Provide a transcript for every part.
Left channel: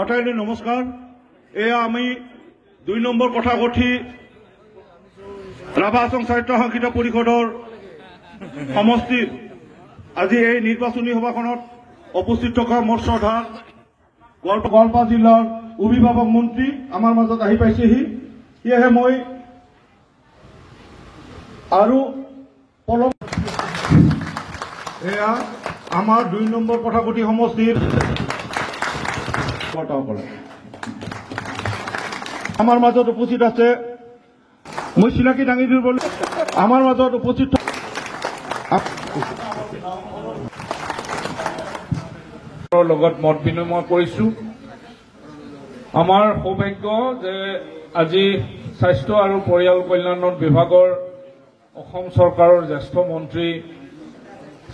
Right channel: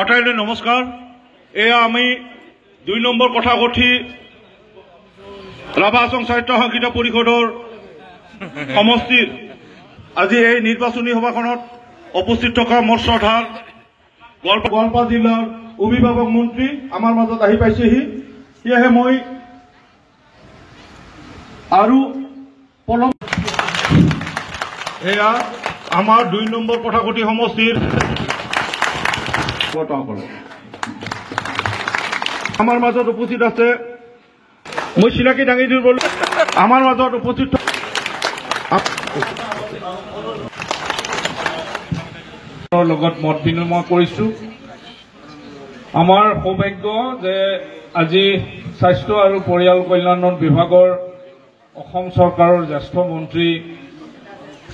আটাইলৈ নমস্কাৰ। এয়া আমি ২ নম্বৰ কথাকথি ৰাভা আসাম সাহিত্য সংগীত পৰিষদৰ সমষ্টিৰ আজি এই নিৰ্বাচনী সভাখনত উপস্থিত থকা মোৰ শ্ৰদ্ধাৰ গোৱালপাৰা জিলাৰ অভিভাৱক মন্ত্ৰী আমাৰ মাজত আহি পাইছেহি। সেয়েহে মই আৰু এয়া আমাৰ ২ নম্বৰ কথাকথি সমষ্টিৰ আমাৰ মাজত উপস্থিত আছে মই চিনাকি দাঙি দিব আমাৰ মাজত উপস্থিত লগত মত বিনিময় কৰিছো। আমাৰ সৌভাগ্য যে আজি স্বাস্থ্য আৰু পৰিয়াল কল্যাণ বিভাগৰ অসম চৰকাৰৰ জ্যেষ্ঠ মন্ত্ৰী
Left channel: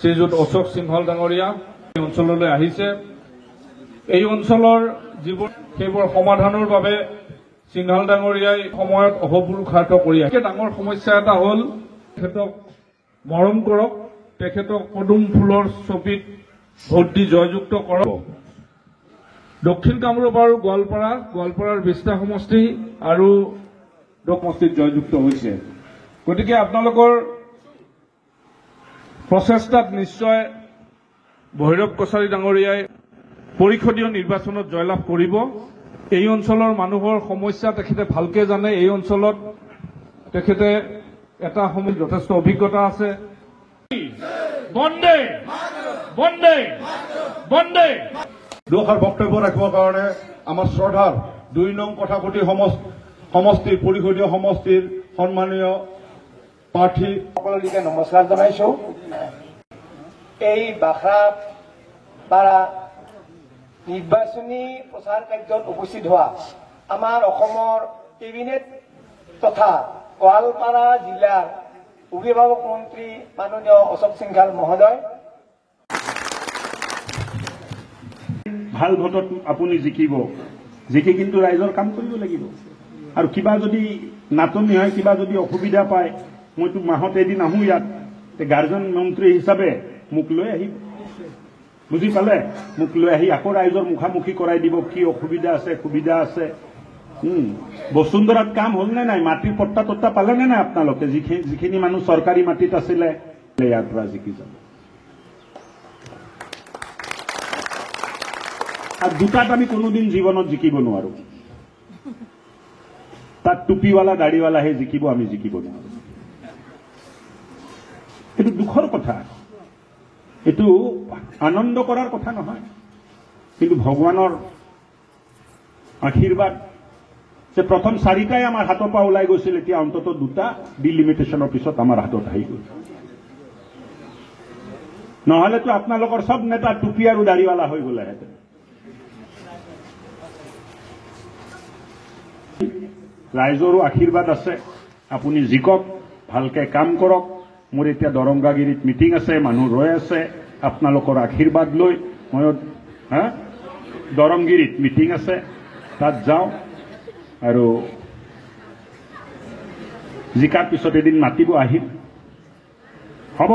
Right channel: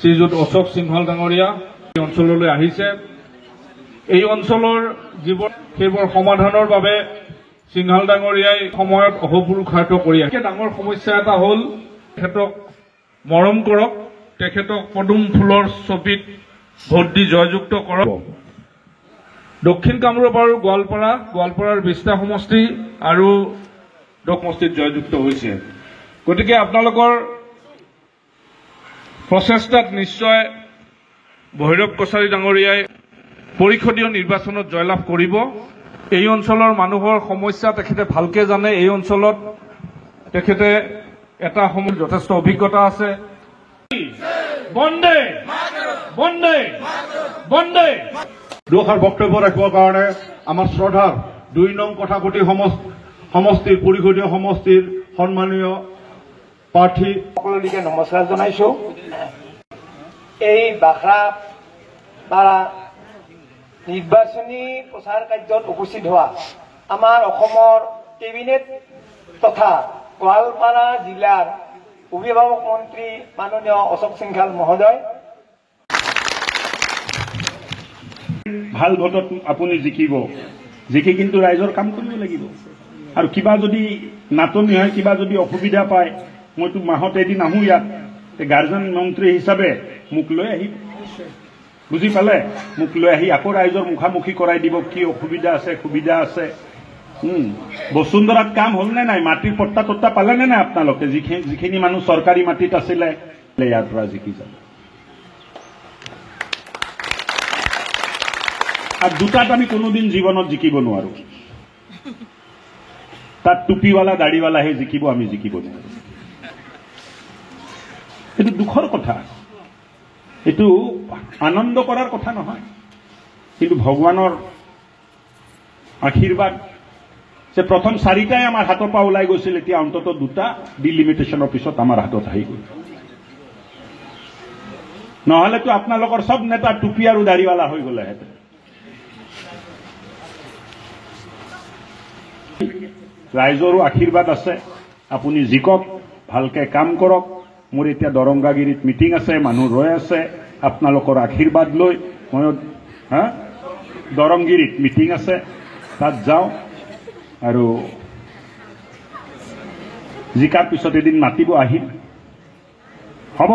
শ্ৰীযুত অশোক সিংহল ডাঙৰীয়া এই অঞ্চললৈ আহিছে। এই অঞ্চলৰ যিবোৰ সেইবোৰ সমাধানৰ বাবে সিংহল ডাঙৰীয়াই সময়ত অহপুৰুষাৰ্থ কৰি আছে। ডাঙৰ সমস্যা এটা হ'ল তেখেতক মৰম কৰক, তেখেতক পদুম ফুলৰ ছবিত ভোট দি জয়যুক্ত কৰক। দক্ষিণ কামৰূপ আৰু গোৱালপাৰাৰ ২০টা সমষ্টি আৰু সমষ্টিত জয়যুক্ত হৈছে। গতিকে আপোনালোকৰ প্ৰচেষ্টাত নিশ্চয় ভৈৰৱ কছাৰী ডাঙৰীয়াই পৰিষদীয় নিৰ্বাচনত জয়লাভ কৰিব। এই অঞ্চলৰ মানুহৰ সমস্যা তেখেতে ভালকে জানে। এই অঞ্চলত তেখেতে এটা সময়ত যথেষ্ট অভিজ্ঞতা আছে। বন্দে বন্দে বন্দে দুআষাৰ বক্তব্য ৰাখিবৰ কাৰণে আমাৰ শ্ৰদ্ধাৰ ২ নং কথাকথি সমষ্টিৰ পৰিষদীয় সমষ্টিৰ সন্মানীয় প্ৰাৰ্থী সকলোকে নমস্কাৰ জনাইছো। এই বাখৰাপাৰা নিৰ্বাচনী প্ৰচাৰ কাৰ্যত উপস্থিত হোৱা আমাৰ অসমৰ কেবিনেট তথা গোৱালপাৰা জিলাৰ অভিভাৱক মন্ত্ৰী মাননীয় অশোক সিংহল মহোদয়, ভাল ভোটত আপুনি জিকিব, জিকি কিন্তু ৰাইজৰ কাম কৰিব লাগিব। আৰু কিবা যদি নাটনি হয়, কিবা যদি অসুবিধা পায়, মইতো মাহত এদিন আহোঁ ইয়াত, গাৰ্জেন মন্ত্ৰী হিচাপে মোক লৈ আহিব, বুজি পালে? মোক লৈ আহি আকৌ ৰাইজৰ মুখামুখি কৰাই দিব কি অসুবিধা আছে সুবিধা আছে। বসুন্ধৰাত কাম হ'ল নে নাই? মাটিৰ পট্টা তট্টা পালে নে নাই আপোনালোকে? যিখিনি মানুহ চৰকাৰী মাটিত আছিলে ইয়াৰ পৰা জিকি যাব। আৰু দুটাত আমি কোনোদিন জীৱনত জিকিব নোৱাৰো। তাত টুপিৱালা দাড়িৱালাহে জিকিব, আমি জিকিব নোৱাৰো। এইটো দুখৰ কথা, এইটো আনন্দ কৰাৰ কথা নহয়। কিন্তু ভগৱানৰ আশীৰ্বাদ যে প্ৰথম 4টাই আমাৰ হাতৰ পৰা ওলাই গৈছিল, এতিয়া অন্ততঃ 2টা ডিলিমিটেশ্যনৰ পিছত আমাৰ হাতত আহি গ'ল। নহলেতো আপোনালোকৰ সব নেতা টুপি আৰু দাড়িৱালা হৈ গ'লেহেঁতেন। ৰাইজৰো আশীৰ্বাদ আছে, আপুনি জিকক, ভালকে কাম কৰক। মোৰ এতিয়া দৰংগাগিৰিত মিটিং আছে, মানুহ ৰৈ আছে আপোনালোকৰ আশীৰ্বাদ লৈ। মই দৰংগিৰিত মিটিং আছে, তাত যাওঁ আৰু জিকাৰ পিছত এদিন মাতিব, আহিম। হ'ব।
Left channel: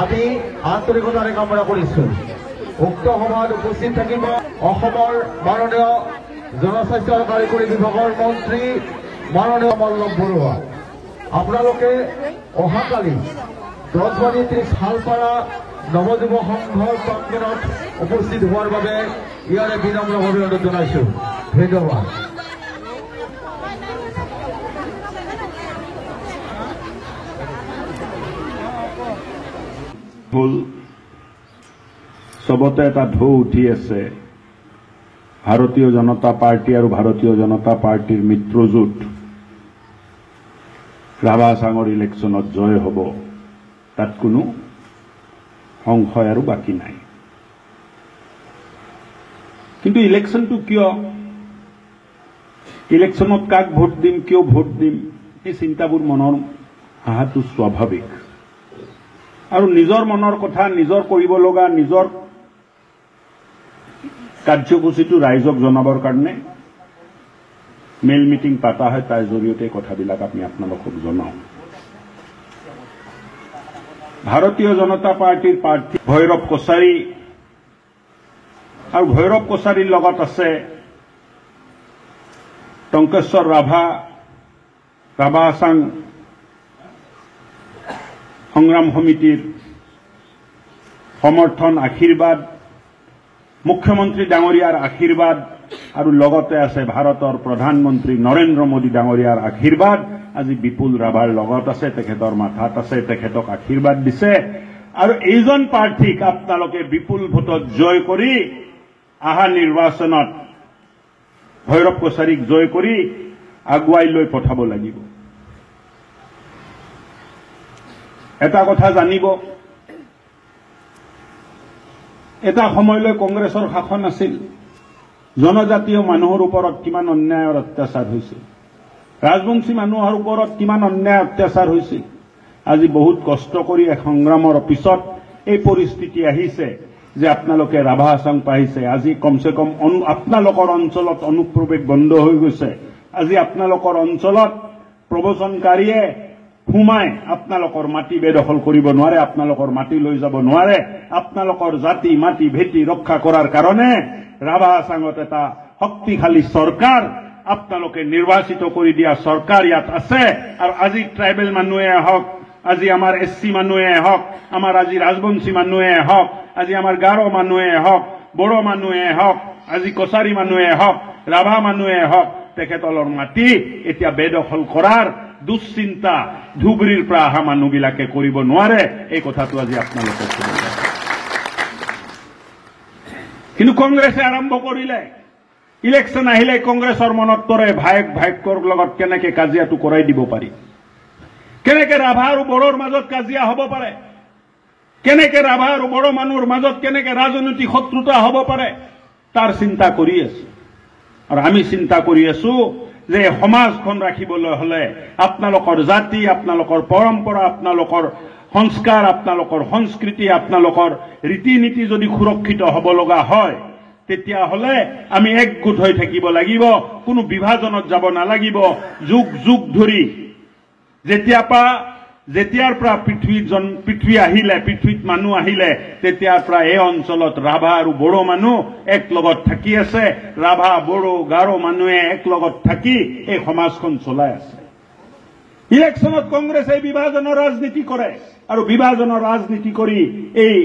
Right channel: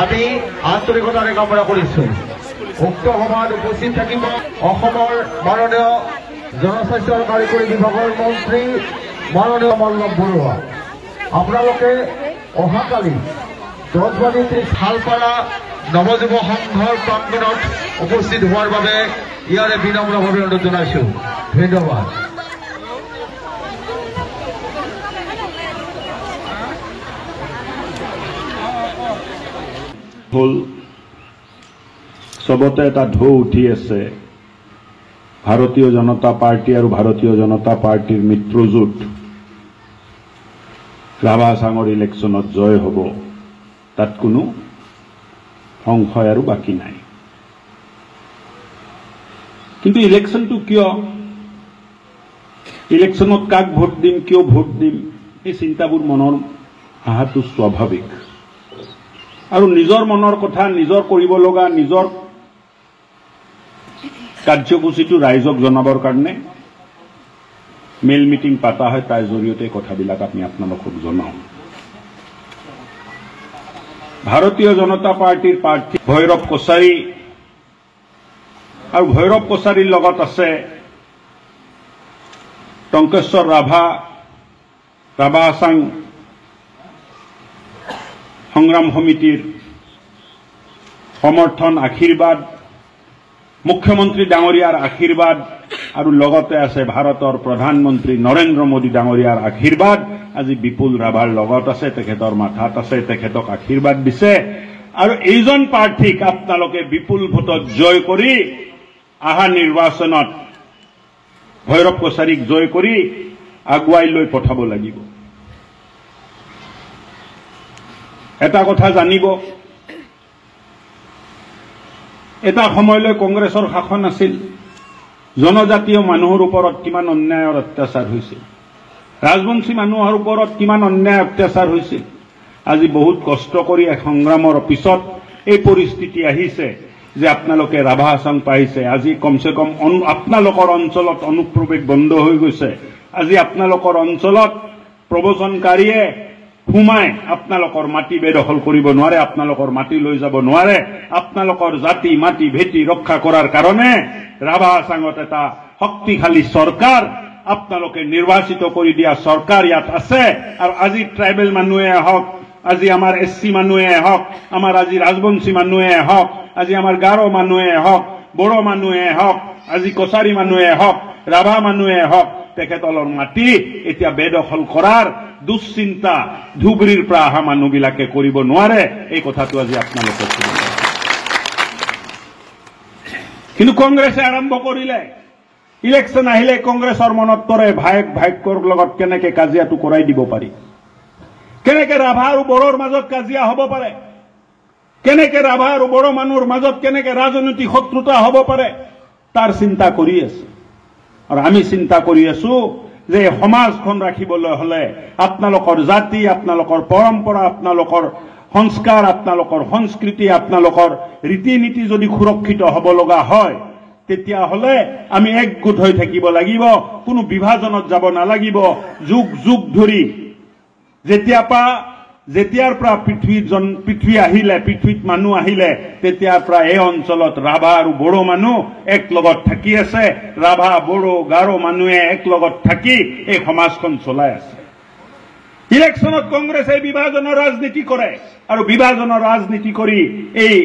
আমি আন্তৰিকতাৰে কামনা কৰিছো। উক্ত সভাত উপস্থিত থাকিব অসমৰ মাননীয় জনস্বাস্থ্য আৰু কাৰিকৰী বিভাগৰ মন্ত্ৰী মাননীয় মল্লভ বৰুৱা। আপোনালোকে অহাকালি 10:30 শালপাৰা নৱযুৱ সংঘৰ প্ৰাংগণত উপস্থিত হোৱাৰ বাবে ইয়াৰে বিনম্ৰভাৱে অনুৰোধ জনাইছো। ধন্যবাদ। হ'ল চবতে এটা ঢৌ উঠি আছে ভাৰতীয় জনতা পাৰ্টি আৰু ভাৰতীয় জনতা পাৰ্টিৰ মিত্ৰজোঁট ৰাভা হাছাঙৰ ইলেকশ্যনত জয় হ'ব, তাত কোনো সংশয় আৰু বাকী নাই। কিন্তু ইলেকশ্যনটো কিয়, ইলেকশ্যনত কাক ভোট দিম, কিয় ভোট দিম, এই চিন্তাবোৰ মনৰ অহাটো স্বাভাৱিক। আৰু নিজৰ মনৰ কথা, নিজৰ কৰিব লগা নিজৰ কাৰ্যসূচীটো ৰাইজক জনাবৰ কাৰণে মেইল মিটিং পাতা হয়, তাৰ জৰিয়তে কথাবিলাক আমি আপোনালোকক জনাওঁ। ভাৰতীয় জনতা পাৰ্টিৰ প্ৰাৰ্থী ভৈৰৱ কছাৰী, আৰু ভৈৰৱ কছাৰীৰ লগত আছে টংকেশ্বৰ ৰাভা, ৰাভা হাছাং সংগ্ৰাম সমিতিৰ সমৰ্থন, আশীৰ্বাদ, মুখ্যমন্ত্ৰী ডাঙৰীয়াৰ আশীৰ্বাদ, আৰু লগতে আছে ভাৰতৰ প্ৰধানমন্ত্ৰী নৰেন্দ্ৰ মোদী ডাঙৰীয়াৰ আশীৰ্বাদ। আজি বিপুল ৰাভাৰ লগত আছে, তেখেতৰ মাথাত আছে, তেখেতক আশীৰ্বাদ দিছে। আৰু এইজন প্ৰাৰ্থীক আপোনালোকে বিপুল ভোটত জয় কৰি অহা নিৰ্বাচনত ভৈৰৱ কছাৰীক জয় কৰি আগুৱাই লৈ পঠাব লাগিব। এটা কথা জানিব, এটা সময়লৈ কংগ্ৰেছৰ শাসন আছিল, জনজাতীয় মানুহৰ ওপৰত কিমান অন্যায়ৰ অত্যাচাৰ হৈছিল, ৰাজবংশী মানুহৰ ওপৰত কিমান অন্যায় অত্যাচাৰ হৈছিল। আজি বহুত কষ্ট কৰি সংগ্ৰামৰ পিছত এই পৰিস্থিতি আহিছে যে আপোনালোকে ৰাভা হাছাং পাইছে। আজি কমচে কম আপোনালোকৰ অঞ্চলত অনুপ্ৰৱেশ বন্ধ হৈ গৈছে। আজি আপোনালোকৰ অঞ্চলত প্ৰব্ৰজনকাৰীয়ে সোমাই আপোনালোকৰ মাটি বেদখল কৰিব নোৱাৰে, আপোনালোকৰ মাটি লৈ যাব নোৱাৰে। আপোনালোকৰ জাতি মাটি ভেটি ৰক্ষা কৰাৰ কাৰণে ৰাভা হাছাঙত এটা শক্তিশালী চৰকাৰ, আপোনালোকে নিৰ্বাচিত কৰি দিয়া চৰকাৰ ইয়াত আছে। আৰু আজি ট্ৰাইবেল মানুহে হওক, আজি আমাৰ SC মানুহে হওক, আমাৰ আজি ৰাজবংশী মানুহে হওক, আজি আমাৰ গাৰো মানুহে হওক, বড়ো মানুহে হওক, আজি কছাৰী মানুহে হওক, ৰাভা মানুহে হওক, তেখেতলৰ মাটি এতিয়া বেদখল কৰাৰ দুশ্চিন্তা ধুবুৰীৰ পৰা অহা মানুহবিলাকে কৰিব নোৱাৰে। এই কথাটো আজি আপোনালোকে শুনিব। কিন্তু কংগ্ৰেছে আৰম্ভ কৰিলে, ইলেকশ্যন আহিলে কংগ্ৰেছৰ মনত পৰে ভায়েকৰ লগত কেনেকে কাজিয়াটো কৰাই দিব পাৰি, কেনেকে ৰাভা আৰু বড়োৰ মাজত কাজিয়া হ'ব পাৰে, কেনেকে ৰাভা আৰু বড়ো মানুহৰ মাজত কেনেকে ৰাজনৈতিক শত্ৰুতা হ'ব পাৰে, তাৰ চিন্তা কৰি আছে। আৰু আমি চিন্তা কৰি আছো যে সমাজখন ৰাখিবলৈ হলে আপোনালোকৰ জাতি, আপোনালোকৰ পৰম্পৰা, আপোনালোকৰ সংস্কাৰ, আপোনালোকৰ সংস্কৃতি, আপোনালোকৰ ৰীতি নীতি যদি সুৰক্ষিত হ'ব লগা হয়, তেতিয়াহ'লে আমি একগোট হৈ থাকিব লাগিব, কোনো বিভাজনত যাব নালাগিব। যুগ যুগ ধৰি যেতিয়াৰ পৰা পৃথিৱী আহিলে, পৃথিৱীত মানুহ আহিলে, তেতিয়াৰ পৰা এই অঞ্চলত ৰাভা আৰু বড়ো মানুহ এক লগত থাকি আছে। ৰাভা, বড়ো, গাৰো মানুহে এক লগত থাকি এই সমাজখন চলাই আছে। ইলেকশ্যনত কংগ্ৰেছে বিভাজনৰ ৰাজনীতি কৰে, আৰু বিভাজনৰ ৰাজনীতি কৰি এই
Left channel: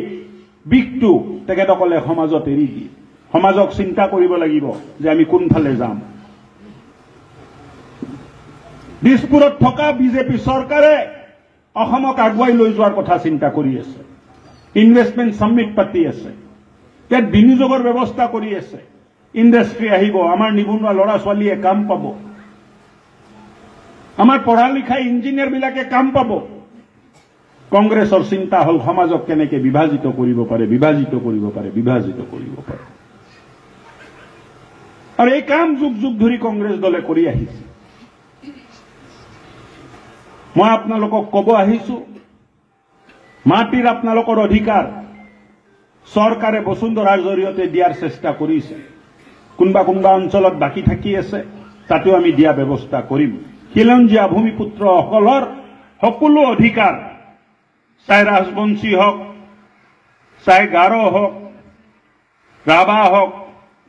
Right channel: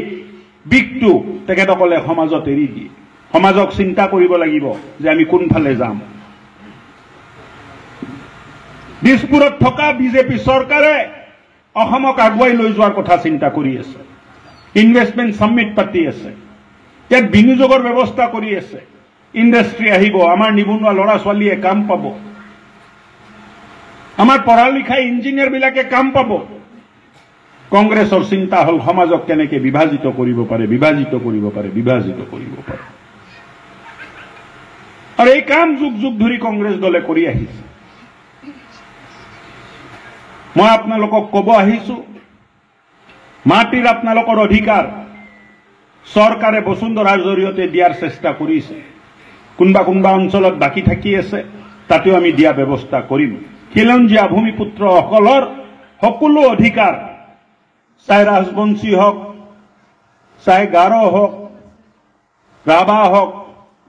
দিশটো তেখেতসকলে সমাজত এৰি দিয়ে। সমাজক চিন্তা কৰিব লাগিব যে আমি কোনফালে যাম। দিছপুৰত থকা বিজেপি চৰকাৰে অসমক আগুৱাই লৈ যোৱাৰ কথা চিন্তা কৰি আছে। ইনভেষ্টমেণ্ট সামিট পাতি আছে, ইয়াত বিনিয়োগৰ ব্যৱস্থা কৰি আছে। ইণ্ডাষ্ট্ৰী আহিব, আমাৰ নিবনুৱা ল'ৰা ছোৱালীয়ে কাম পাব, আমাৰ পঢ়া লিখা ইঞ্জিনিয়াৰ বিলাকে কাম পাব। কংগ্ৰেছৰ চিন্তা হল সমাজক কেনেকে বিভাজিত কৰিব পাৰে, বিভাজিত কৰিব পাৰে, বিভাজিত কৰিব পাৰে। আৰু এই কাম যুগ যুগ ধৰি কংগ্ৰেছ দলে কৰি আহিছে। মই আপোনালোকক কব আহিছো, মাটিৰ আপোনালোকৰ অধিকাৰ চৰকাৰে বসুন্ধৰাৰ জৰিয়তে দিয়াৰ চেষ্টা কৰিছে। কোনোবা কোনোবা অঞ্চলত বাকী থাকি আছে, তাতেও আমি দিয়া ব্যৱস্থা কৰিম। খিলঞ্জীয়া ভূমিপুত্ৰসকলৰ সকলো অধিকাৰ, চাই ৰাজবংশী হওক, চাই গাৰো হওক, ৰাভা হওক,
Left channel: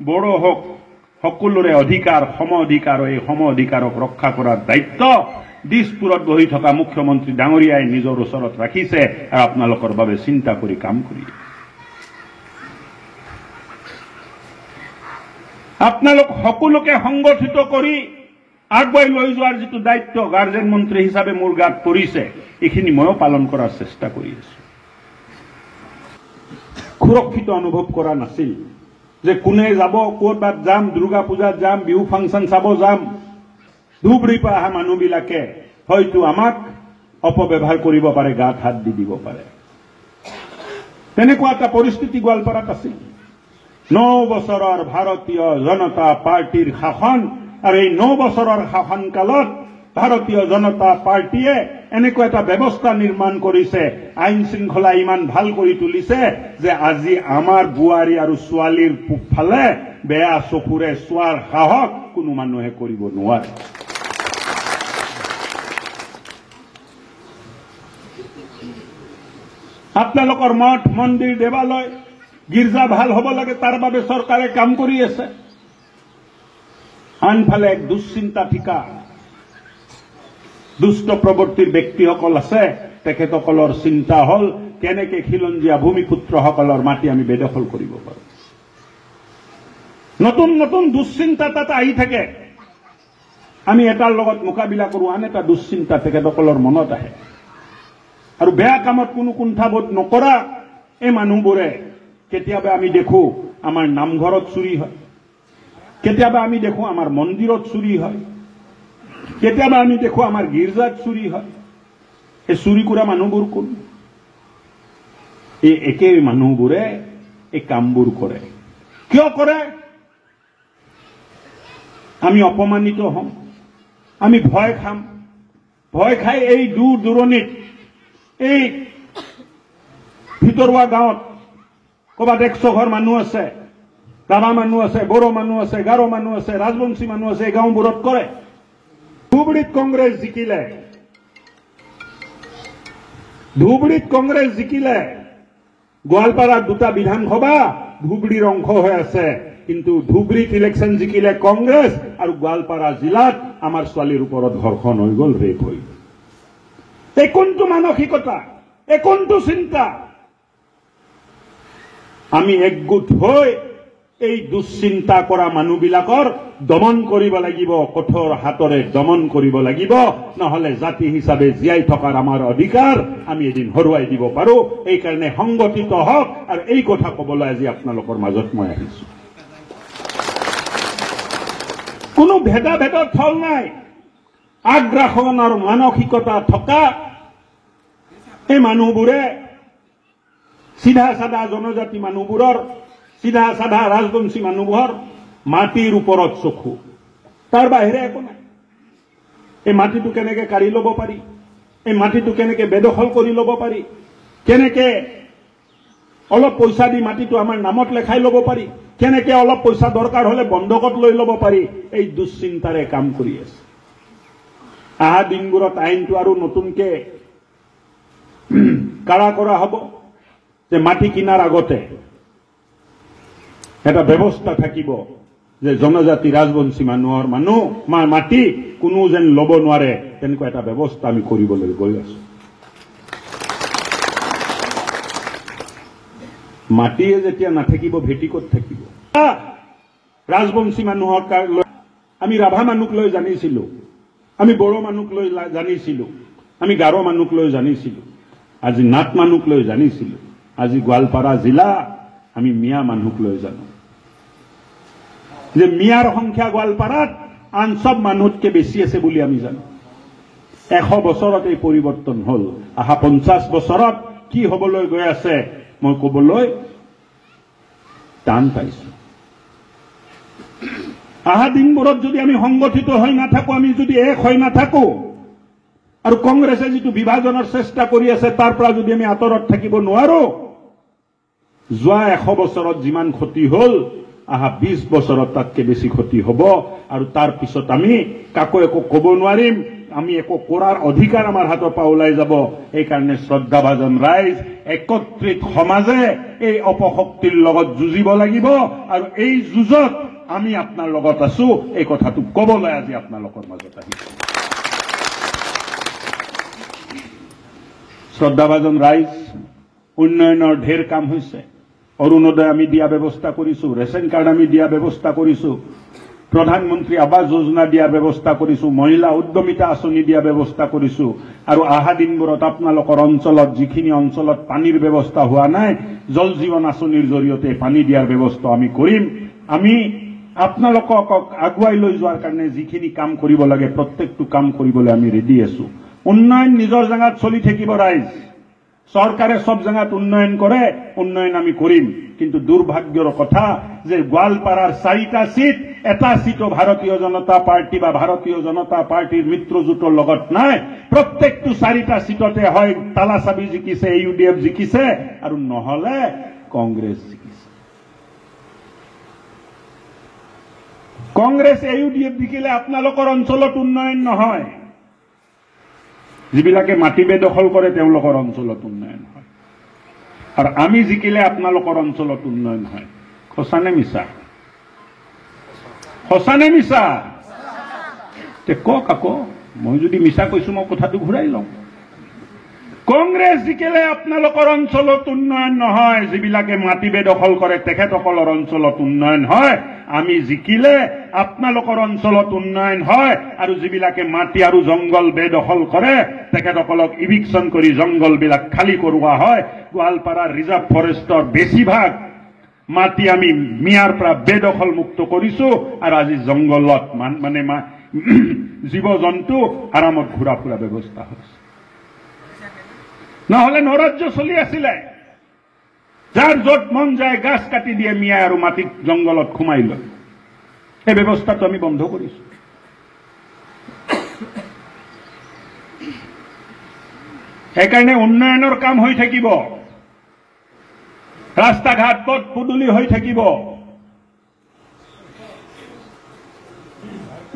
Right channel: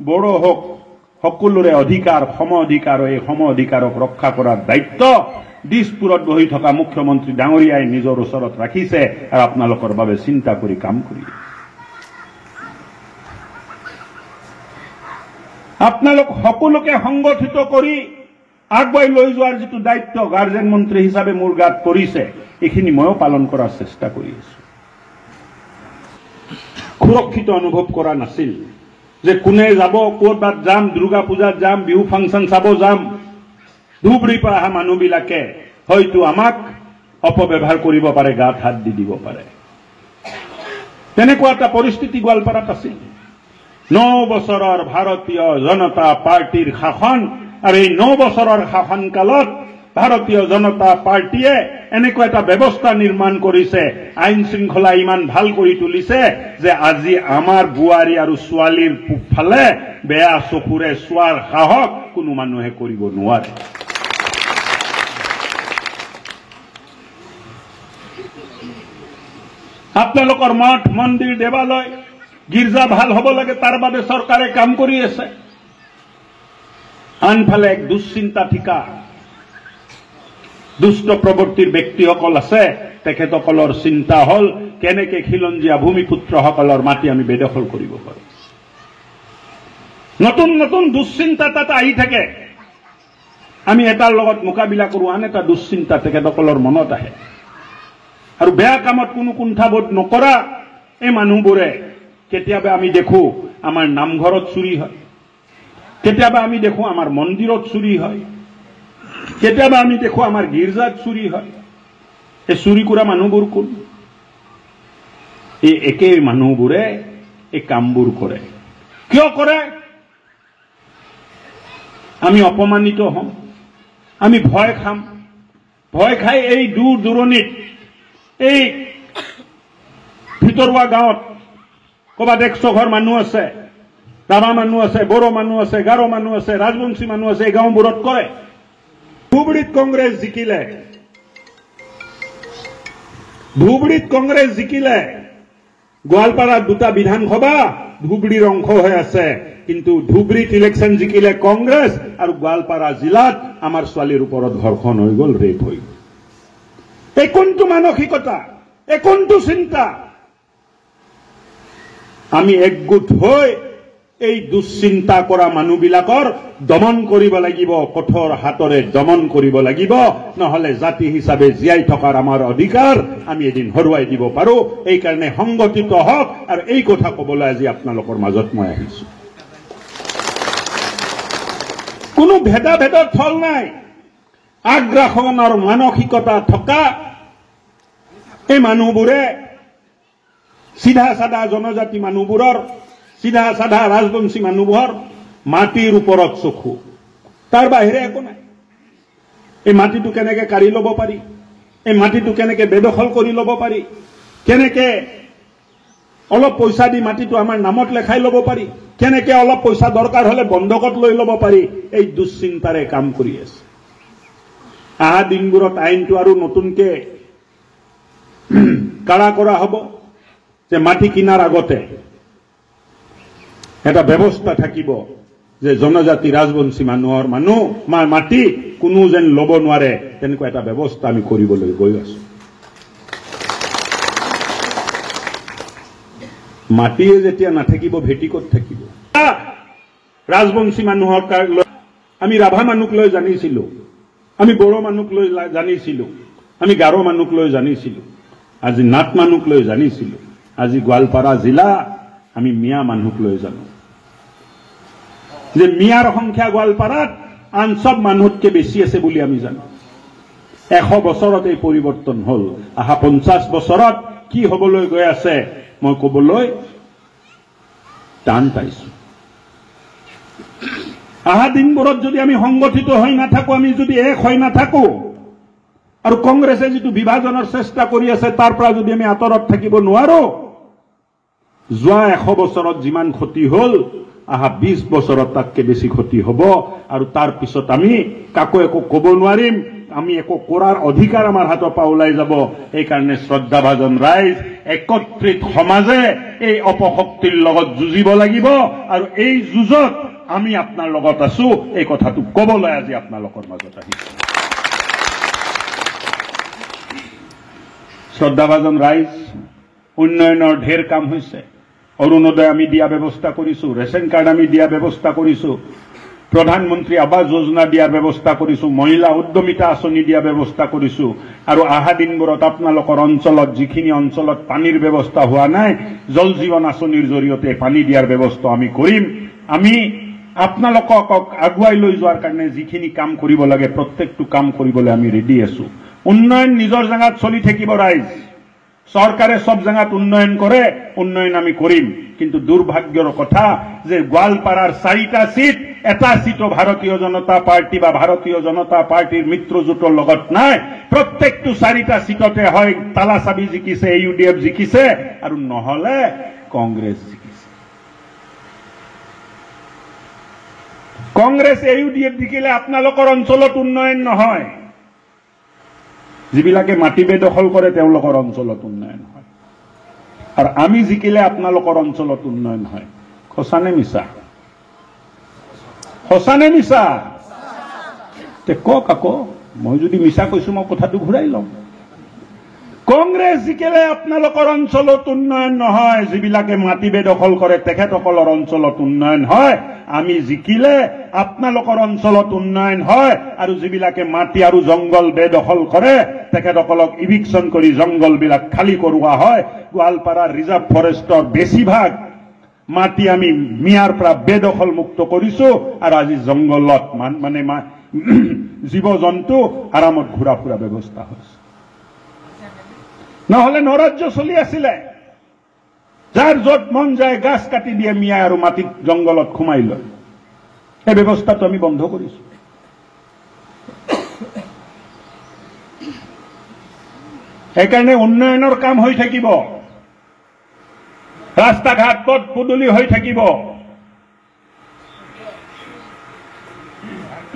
বড়ো হওক, সকলোৰে অধিকাৰ সম অধিকাৰ। এই সম অধিকাৰক ৰক্ষা কৰাৰ দায়িত্ব দিছপুৰত বহি থকা মুখ্যমন্ত্ৰী ডাঙৰীয়াই নিজৰ ওচৰত ৰাখিছে, আৰু আপোনালোকৰ বাবে চিন্তা কৰি কাম কৰি আপোনালোক সকলোকে সংগঠিত কৰি আগুৱাই লৈ যোৱাৰ যিটো দায়িত্ব গাৰ্জেন মন্ত্ৰী হিচাপে মোৰ গাত পৰিছে, এইখিনি ময়ো পালন কৰাৰ চেষ্টা কৰি আছো। সুৰক্ষিত অনুভৱ কৰা নাছিল যে কোনে যাব ক'ৰবাত যাম দুৰ্গা পূজাত যাম বিহু ফাংচন চাব যাম ধুবুৰীৰ পৰা অহা মানুহবিলাকে হয়তো আমাক অপব্যৱহাৰ কৰিব পাৰে গাত হাত দি দিব পাৰে তেনেকুৱা এটা পৰিস্থিতি গোৱালপাৰাত আছিল 9 বছৰৰ ভাৰতীয় জনতা পাৰ্টিৰ শাসন আৰু এই 9 বছৰৰ শাসনকালত ভাৰতীয় জনতা পাৰ্টিয়ে এনেকুৱা এটা ব্যৱস্থা নিৰ্মাণ কৰিছে আইন শৃংখলা ইমান ভাল কৰি তুলিছে যে আজি আমাৰ বুৱাৰী আৰু ছোৱালীৰ পূবফালে বেয়া চকুৰে চোৱাৰ সাহস কোনো মানুহে কৰিব নোৱাৰে আপোনালোকৰ মঠ মন্দিৰ দেৱালয় গীৰ্জা ভাল হ'ব লাগে তাৰ বাবে চৰকাৰে কাম কৰি আছে আনফালে এক দুশ্চিন্তা ঠিকা দুষ্ট প্ৰবৃত্তিৰ ব্যক্তিসকল আছে তেখেতসকলৰ চিন্তা হল কেনেকে খিলঞ্জীয়া ভূমিপুত্ৰসকলৰ মাটি আমি বেদখল কৰিব পাৰোঁ নতুন নতুন দুশ্চিন্তা তাত আহি থাকে আমি এটাৰ লগত মোকাবিলা কৰোঁ আন এটা দুশ্চিন্তা তেখেতসকলৰ মনত আহে আৰু বেয়া কামত কোনো কুণ্ঠাবোধ নকৰা এই মানুহবোৰে কেতিয়াবা আমি দেখো আমাৰ নামঘৰত চুৰি হয় কেতিয়াবা আমি দেখো আমাৰ মন্দিৰত চুৰি হয় কেতিয়াবা আমি দেখো আমাৰ গীৰ্জাত চুৰি হয় এই চুৰি কৰা মানুহবোৰ কোন এই একেই মানুহবোৰে এই কামবোৰ কৰে কিয় কৰে আমি অপমানিত হম আমি ভয় খাম ভয় খাই এই দূৰ দূৰণিত এই ভিতৰুৱা গাঁৱত ক'ৰবাত 100 ঘৰ মানুহ আছে ৰাভা মানুহ আছে বড়ো মানুহ আছে গাৰো মানুহ আছে ৰাজবংশী মানুহ আছে এই গাঁওবোৰত কৰে ধুবুৰীত কংগ্ৰেছ জিকিলে গোৱালপাৰাত 2টা বিধানসভা ধুবুৰীৰ অংশ হৈ আছে কিন্তু ধুবুৰীত ইলেকশ্যন জিকিলে কংগ্ৰেছ আৰু গোৱালপাৰা জিলাত আমাৰ ছোৱালীৰ ওপৰত ধৰ্ষণ হৈ গ'ল ৰেপ হৈ গ'ল এই কোনটো মানসিকতা এই কোনটো চিন্তা আমি একগোট হৈ এই দুশ্চিন্তা কৰা মানুহবিলাকৰ দমন কৰিব লাগিব কঠোৰ হাতৰে দমন কৰিব লাগিব নহলে জাতি হিচাপে জীয়াই থকাৰ আমাৰ অধিকাৰ আমি এদিন হৰুৱাই দিব পাৰোঁ এই কাৰণে সংগঠিত হওক আৰু এই কথা ক'বলৈ আজি আপোনালোকৰ মাজত মই আহিছো কোনো ভেদাভেদৰ থল নাই আগ্ৰাসনৰ মানসিকতা থকা এই মানুহবোৰে সিধা সাধা জনজাতি মানুহবোৰৰ সিধা সাধা ৰাজবংশী মানুহবোৰৰ মাটিৰ ওপৰত চকু তাৰ বাহিৰে একো নাই এই মাটিটো কেনেকে কাঢ়ি ল'ব পাৰি এই মাটিটো কেনেকে বেদখল কৰি ল'ব পাৰি কেনেকে অলপ পইচা দি মাটিটো আমাৰ নামত লেখাই ল'ব পাৰি কেনেকে অলপ পইচা দৰকাৰ হলে বন্ধকত লৈ ল'ব পাৰি এই দুশ্চিন্তাৰে কাম কৰি আছে আহা দিনবোৰত আইনটো আৰু নতুনকে কাৰা কৰা হ'ব যে মাটি কিনাৰ আগতে এটা ব্যৱস্থা থাকিব যে জনজাতি ৰাজবংশী মানুহৰ মাটি কোনো যেন ল'ব নোৱাৰে তেনেকুৱা এটা ব্যৱস্থা আমি কৰিবলৈ গৈ আছো মাটিয়ে যেতিয়া নাথাকিব ভেটি ক'ত থাকিব ৰাজবংশী মানুহৰ আমি ৰাভা মানুহক লৈ জানিছিলো আমি বড়ো মানুহক লৈ জানিছিলো আমি গাৰো মানুহক লৈ জানিছিলো আজি নাট মানুহক লৈ জানিছিলো আজি গোৱালপাৰা জিলা আমি মিয়া মানুহক লৈ জানো যে মিয়াৰ সংখ্যা গোৱালপাৰাত আন সব মানুহতকৈ বেছি আছে বুলি আমি জানো 100 বছৰত এই পৰিৱৰ্তন হল আহা 50 বছৰত কি হ'বলৈ গৈ আছে মই ক'বলৈ টান পাইছো আহা দিনবোৰত যদি আমি সংগঠিত হৈ নাথাকো আমি যদি এক হৈ নাথাকো আৰু কংগ্ৰেছে যিটো বিভাজনৰ চেষ্টা কৰি আছে তাৰ পৰা যদি আমি আঁতৰত থাকিব নোৱাৰো যোৱা 100 বছৰত যিমান ক্ষতি হল আহা 20 বছৰত তাতকৈ বেছি ক্ষতি হ'ব আৰু তাৰ পিছত আমি কাকো একো ক'ব নোৱাৰিম আমি একো কৰাৰ অধিকাৰ আমাৰ হাতৰ পৰা ওলাই যাব এই কাৰণে শ্ৰদ্ধাভাজন ৰাইজ একত্ৰিত সমাজে এই অপশক্তিৰ লগত যুঁজিব লাগিব আৰু এই যুঁজত আমি আপোনাৰ লগত আছো এই কথাটো ক'বলৈ আজি আপোনালোকৰ মাজত আহিছো শ্ৰদ্ধাভাজন ৰাইজ উন্নয়নৰ ঢেৰ কাম হৈছে অৰুণোদয় আমি দিয়া ব্যৱস্থা কৰিছো ৰেচন কাৰ্ড আমি দিয়া ব্যৱস্থা কৰিছো প্ৰধানমন্ত্ৰী আৱাস যোজনা দিয়াৰ ব্যৱস্থা কৰিছো, মহিলা উদ্যমিতা আঁচনি দিয়াৰ ব্যৱস্থা কৰিছো, আৰু অহা দিনবোৰত আপোনালোকৰ অঞ্চলত যিখিনি অঞ্চলত পানীৰ ব্যৱস্থা হোৱা নাই, জল জীৱন আঁচনিৰ জৰিয়তে পানী দিয়াৰ ব্যৱস্থা আমি কৰিম। আমি আপোনালোকক আগুৱাই লৈ যোৱাৰ কাৰণে যিখিনি কাম কৰিব লাগে প্ৰত্যেকটো কাম কৰিবলৈ আমি ৰেডি আছো। উন্নয়ন নিজৰ জেগাত চলি থাকিব ৰাইজ, চৰকাৰে সব জায়গাত উন্নয়ন করে, উন্নয়ন আমি করিম। কিন্তু দুর্ভাগ্যর কথা যে গোয়ালপাড়ার 4টা সিট, এটা সিটও ভারতীয় জনতা পার্টি বা ভারতীয় জনতা পার্টির মিত্ৰজোঁটৰ লগত নাই। প্ৰত্যেকটো 4টা সিটতে হয় তালাচাবি জিকিছে, ইউডিএফ জিকিছে, আৰু নহলে কংগ্ৰেস জিকিছে। কংগ্ৰেস ইউডিএফ জিকিলে আপোনালোকৰ অঞ্চলত উন্নয়ন নহয়। যিবিলাকে মাটি বেদখল কৰে তেওঁলোকৰ অঞ্চলত উন্নয়ন হয়, আৰু আমি জিকিলে আপোনালোকৰ অঞ্চলত উন্নয়ন হয়। সঁচা নে মিছা? সঁচা নে মিছা? কওক আকৌ, মই যদি মিছা কৈছো মই কথাটো ঘূৰাই লম। কংগ্ৰেছ জিকিলে আপোনালোকৰ অঞ্চলত উন্নয়ন নহয়, যিবিলাকে মাটি বেদখল কৰে তেখেতসকলৰ অঞ্চলত উন্নয়ন হয়। আমি জিকিলে আপোনালোকৰ অঞ্চলত উন্নয়ন হয়, আৰু যিবিলাকে মাটি আৰু জংগল বেদখল কৰে তেখেতসকলক ইভিকশ্যন কৰি জংগলবিলাক খালী কৰোৱা হয়। গোৱালপাড়াৰ ৰিজাৰ্ভ ফৰেষ্টৰ বেছিভাগ মাটি আমি মিয়াৰ পৰা বেদখল মুক্ত কৰিছো, আৰু আজি জংগলত মানে জীৱ জন্তু আৰামত ঘূৰা ফুৰা ব্যৱস্থা হৈছে। নহলে নৰাজ্য চলি আছিলে, যাৰ য'ত মন যায় গাছ কাটি দিয়ে মিয়া আৰু মাটিত জংগলত সোমাই লয়। এই ব্যৱস্থাটো আমি বন্ধ কৰিছো। সেইকাৰণে উন্নয়নৰ কাম হৈ থাকিব, ৰাস্তা ঘাট পথ পদূলি হৈ থাকিব,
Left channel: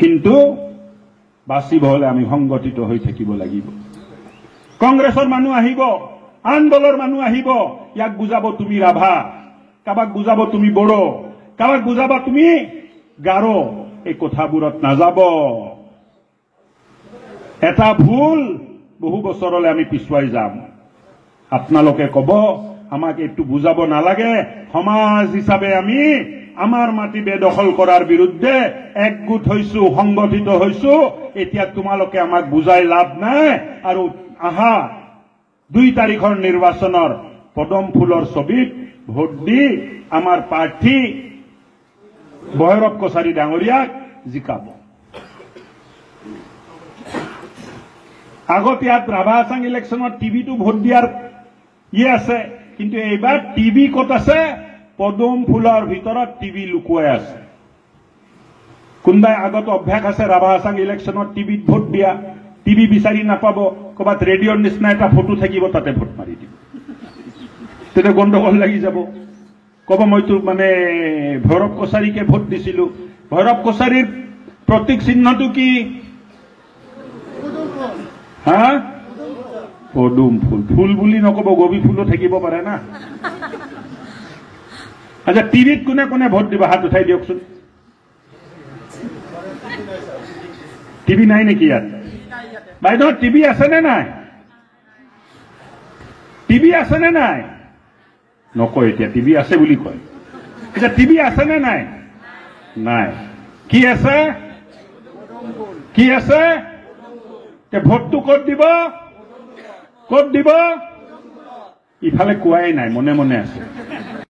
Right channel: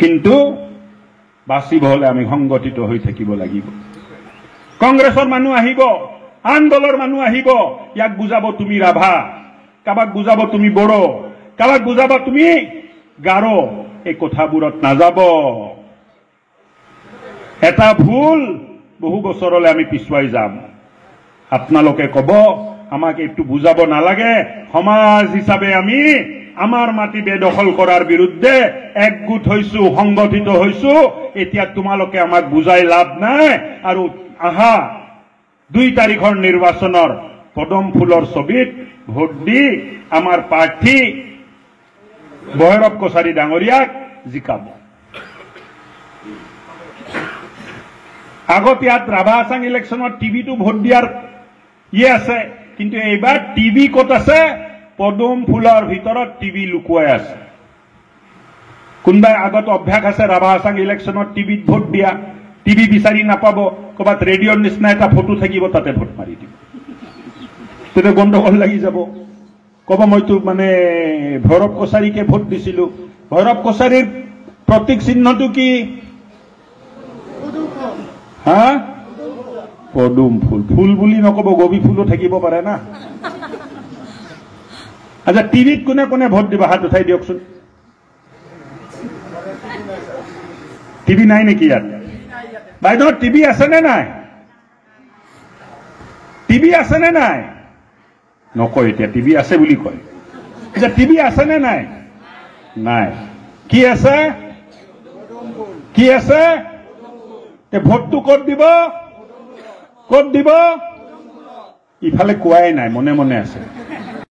কিন্তু বাচিব হলে আমি সংগঠিত হৈ থাকিব লাগিব। কংগ্ৰেছৰ মানুহ আহিব, আন দলৰ মানুহ আহিব, ইয়াক বুজাব তুমি ৰাভা, কাবাক বুজাব তুমি বড়ো, কাবাক বুজাব তুমি গাৰো। এই কথাবোৰত নাযাব। এটা ভুল বহু বছৰলৈ আমি পিছুৱাই যাম। আপোনালোকে কব আমাক এইটো বুজাব নালাগে, সমাজ হিচাপে আমি আমাৰ মাটি বেদখল কৰাৰ বিৰুদ্ধে একগোট হৈছো, সংগঠিত হৈছো। এতিয়া তোমালোকে আমাক বুজাই লাভ নাই। আৰু আহা 2 তাৰিখৰ নিৰ্বাচনৰ পদম ফুলৰ ছবিত ভোট দি আমাৰ প্ৰাৰ্থী ভৈৰৱ কছাৰী ডাঙৰীয়াক জিকাব। আগত ইয়াত ৰাভা হাছাং ইলেকশ্যনত টিভিটো ভোট দিয়াৰ আছে, কিন্তু এইবাৰ টিভি ক'ত আছে? পদুম ফুলৰ ভিতৰত টিভি লুকুৱাই আছে। কোনোবাই আগত অভ্যাস আছে ৰাভা হাছাং ইলেকশ্যনত টিভিত ভোট দিয়া, টিভি বিচাৰি নাপাব, ক'ৰবাত ৰেডিঅ'ৰ নিচিনা এটা ফটো থাকিব, তাতে ভোট মাৰি দিব। তেতিয়া গণ্ডগোল লাগি যাব। ক'ব মইতো মানে ভৈৰৱ কছাৰীকে ভোট দিছিলো। ভৈৰৱ কছাৰীৰ প্ৰতীক চিহ্নটো কি? হা? পদুম ফুল। ফুল বুলি নকব, গবি ফুলো থাকিব পাৰে না। আচ্ছা, টিভিত কোনে কোনে ভোট দিব? হাত উঠাই দিয়কচোন। টিভি নাই নেকি ইয়াত? বাইদেউ টিভি আছে নে নাই? টিভি আছে নে নাই? নকয় এতিয়া, টিভি আছে বুলি কয়। আচ্ছা, টিভি আছে নে নাই? নাই। কি আছে? কি আছে? ভোটটো ক'ত দিব? ক'ত দিব? ইফালে কোৱাই নাই, মনে মনে আছে।